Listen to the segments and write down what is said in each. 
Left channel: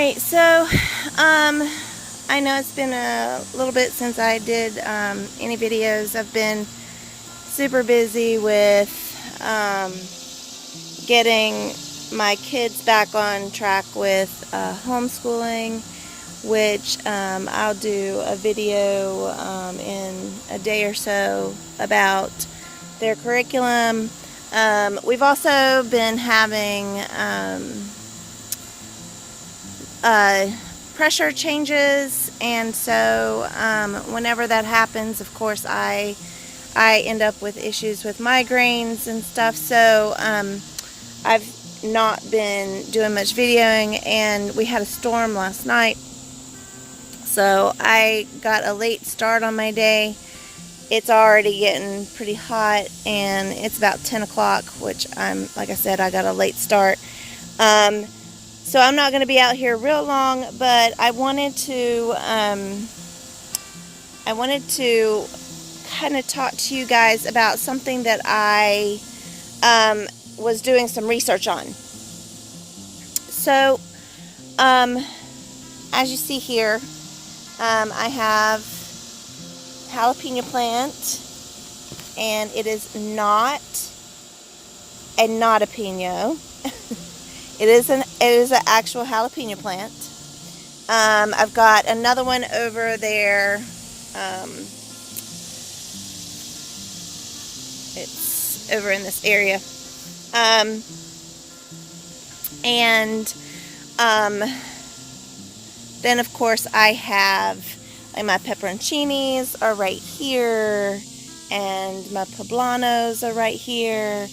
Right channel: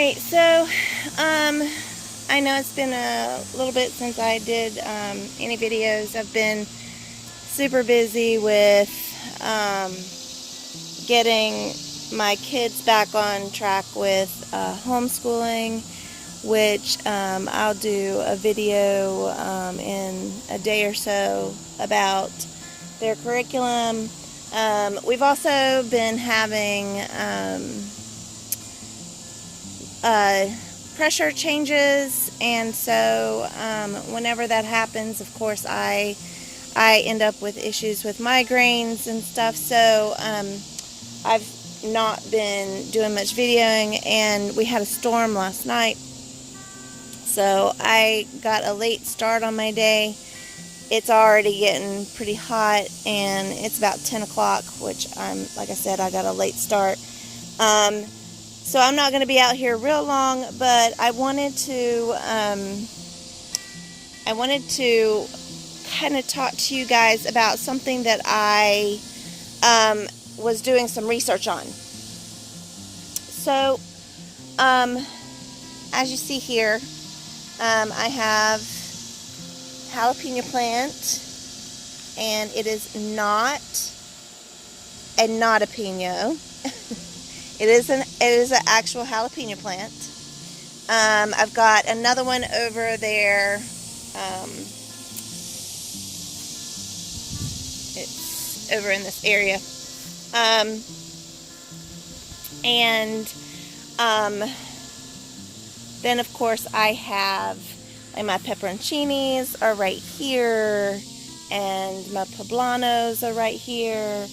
Alright, so I know it's been a little bit since I did any videos. I've been super busy with getting my kids back on track with homeschooling, which I'll do a video in a day or so about their curriculum. We've also been having pressure changes, and so whenever that happens, of course, I end up with issues with migraines and stuff. So I've not been doing much videoing, and we had a storm last night, so I got a late start on my day. It's already getting pretty hot, and it's about 10 o'clock, which like I said, I got a late start. So I'm not going to be out here real long, but I wanted to kind of talk to you guys about something that I was doing some research on. So, as you see here, I have jalapeno plant, and it is not a not-a-peno. It is an actual jalapeno plant. I've got another one over there. It's over in this area. Then of course I have my pepperoncinis are right here, and my poblanos are right here,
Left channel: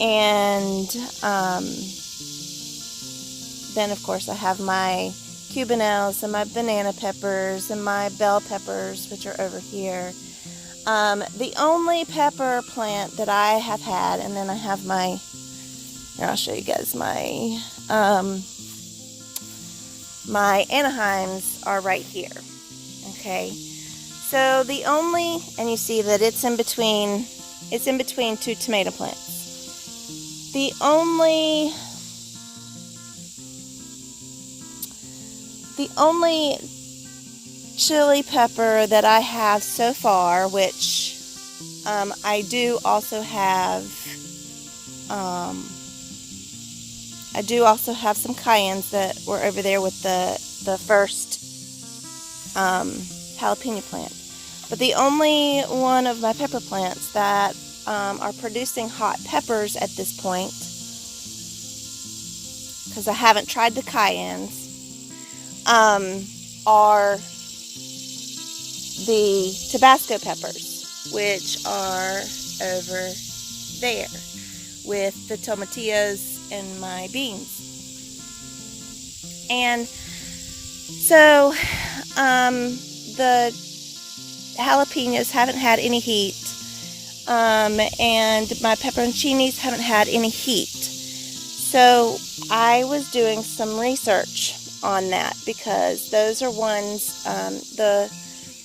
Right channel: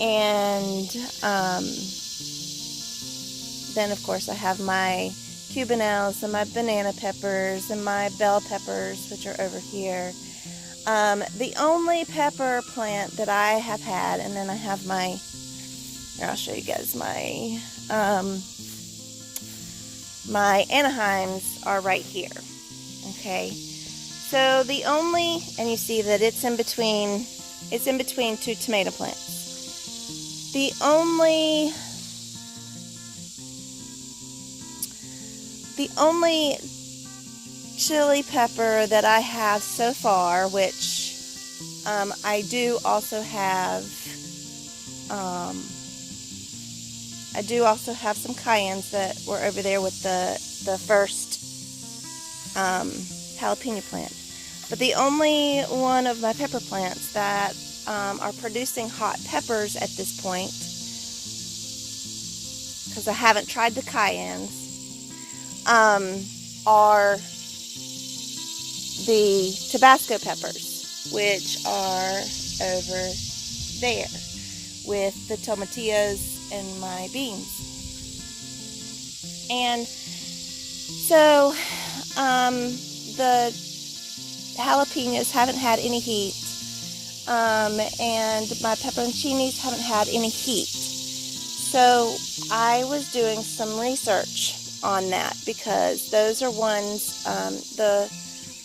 and then of course I have my cubanelles and my banana peppers and my bell peppers, which are over here. The only pepper plant that I have had, and then I have my, here I'll show you guys my my Anaheims are right here. Okay, so the only, and you see that it's in between two tomato plants. The only chili pepper that I have so far, which I do also have some cayennes that were over there with the first jalapeno plant. But the only one of my pepper plants that are producing hot peppers at this point, because I haven't tried the cayennes, are the Tabasco peppers, which are over there with the tomatillos and my beans. And so the jalapenos haven't had any heat, and my pepperoncinis haven't had any heat. So I was doing some research on that, because those are ones, the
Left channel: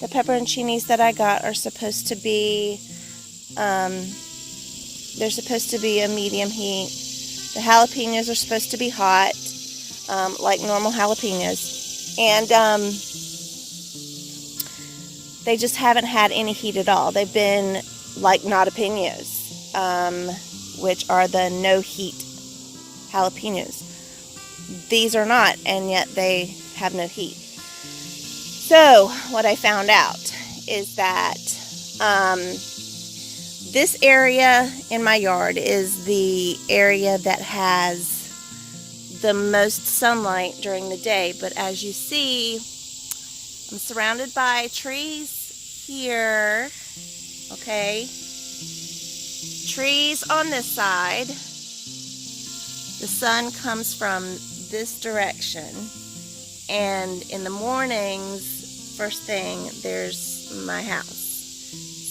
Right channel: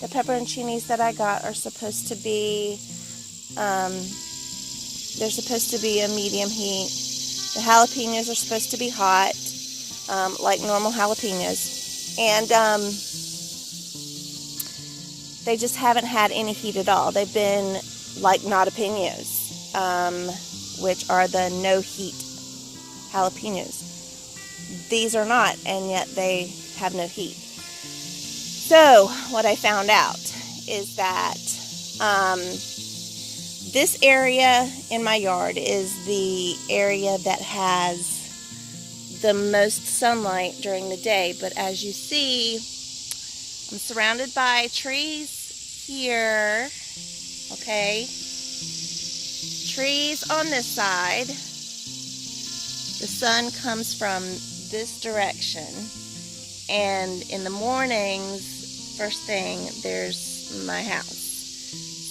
pepperoncinis that I got are supposed to be, they're supposed to be a medium heat. The jalapenos are supposed to be hot, like normal jalapenos, and they just haven't had any heat at all. They've been like not-a-penos, which are the no heat jalapenos. These are not, and yet they have no heat. So what I found out is that this area in my yard is the area that has the most sunlight during the day. But as you see, I'm surrounded by trees here, okay? Trees on this side. The sun comes from this direction, and in the mornings, first thing, there's my house.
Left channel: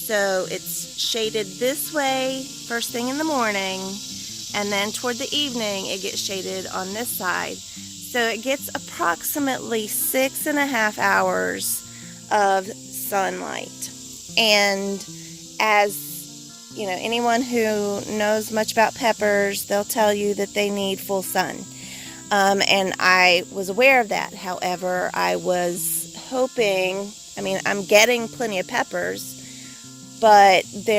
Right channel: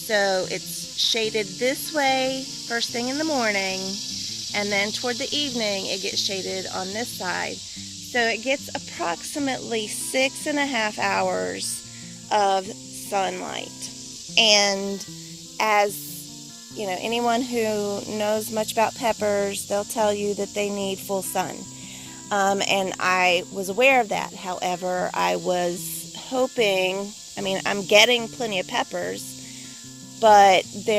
So it's shaded this way first thing in the morning, and then toward the evening it gets shaded on this side. So it gets approximately 6.5 hours of sunlight. And as you know, anyone who knows much about peppers, they'll tell you that they need full sun. And I was aware of that. However, I was hoping, I mean, I'm getting plenty of peppers, but they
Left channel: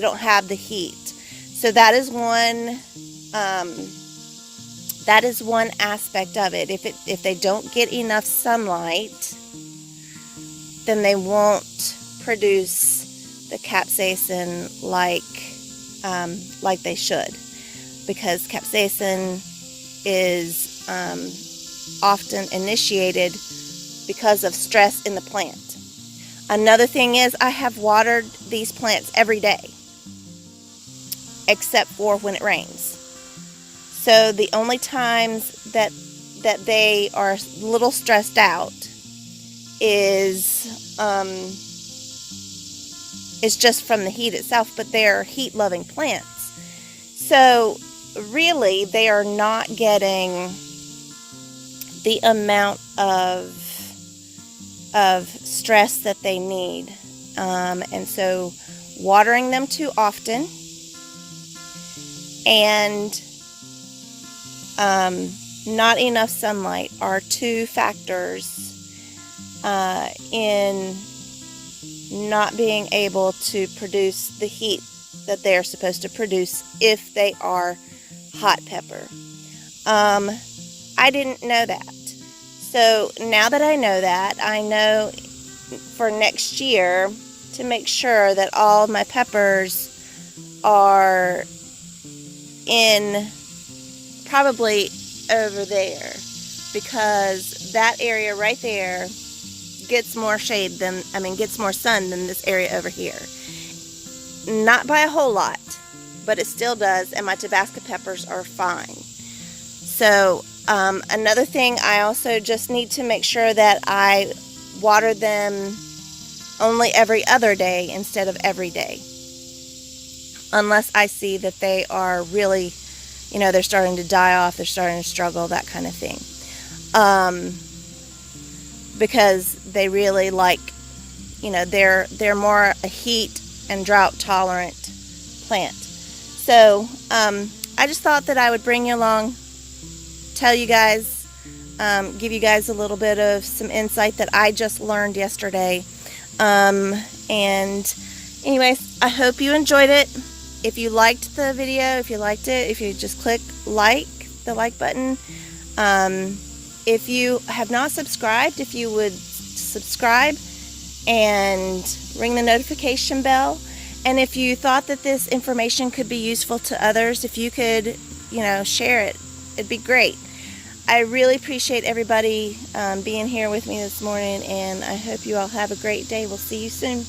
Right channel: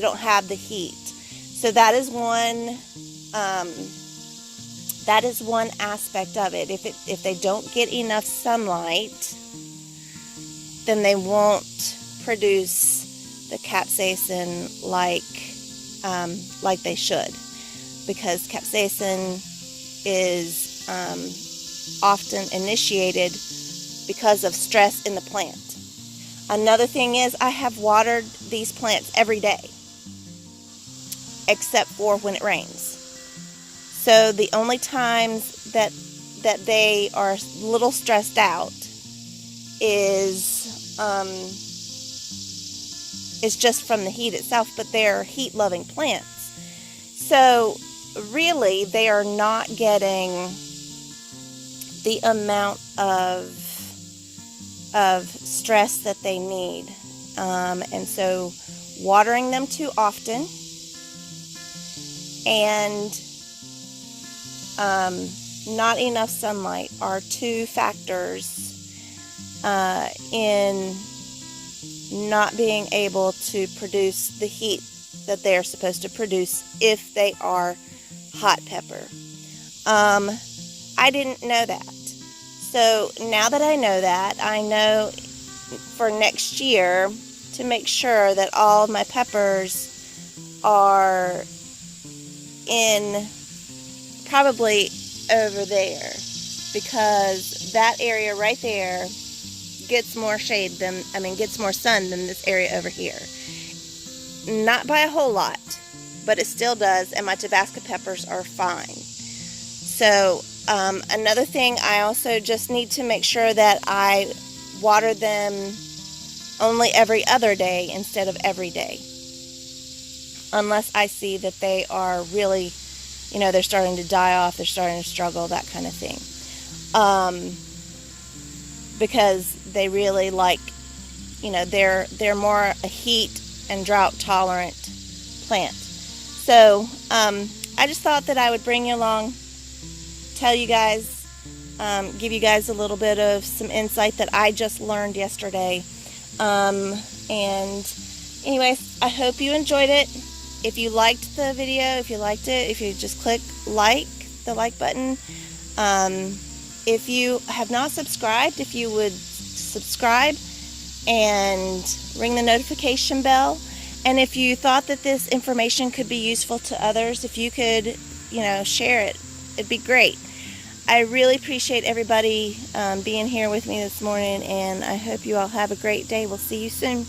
don't have the heat. So that is one aspect of it. If they don't get enough sunlight, then they won't produce the capsaicin like they should, because capsaicin is often initiated because of stress in the plant. Another thing is, I have watered these plants every day, except for when it rains. So the only times that they are a little stressed out is just from the heat itself, but they're heat-loving plants. So really, they are not getting the amount of stress that they need. And so watering them too often and not enough sunlight are two factors in not being able to produce the heat that they're supposed to produce if they are hot pepper. I didn't know that. So now that I know that, I know for next year to make sure that all my peppers are in probably over there, because that area right there gets more gets more sun than this area over here. Not by a whole lot, but it still does, and my Tabasco peppers are fine. So another thing, I also just need to make sure that I water them only every other day instead of every day, unless I see that they are really, they're starting to die off, they're starting to struggle, that kind of thing. Because they really they're more a heat and drought tolerant plant. So I just thought that I would bring you along, tell you guys, give you guys a little bit of some insight that I just learned yesterday. And anyways, I hope you enjoyed it. If you liked the video, if you just click the like button. If you have not subscribed, if you would subscribe and ring the notification bell. And if you thought that this information could be useful to others, if you could, share it, it'd be great. I really appreciate everybody being here with me this morning, and I hope you all have a great day. We'll see you soon.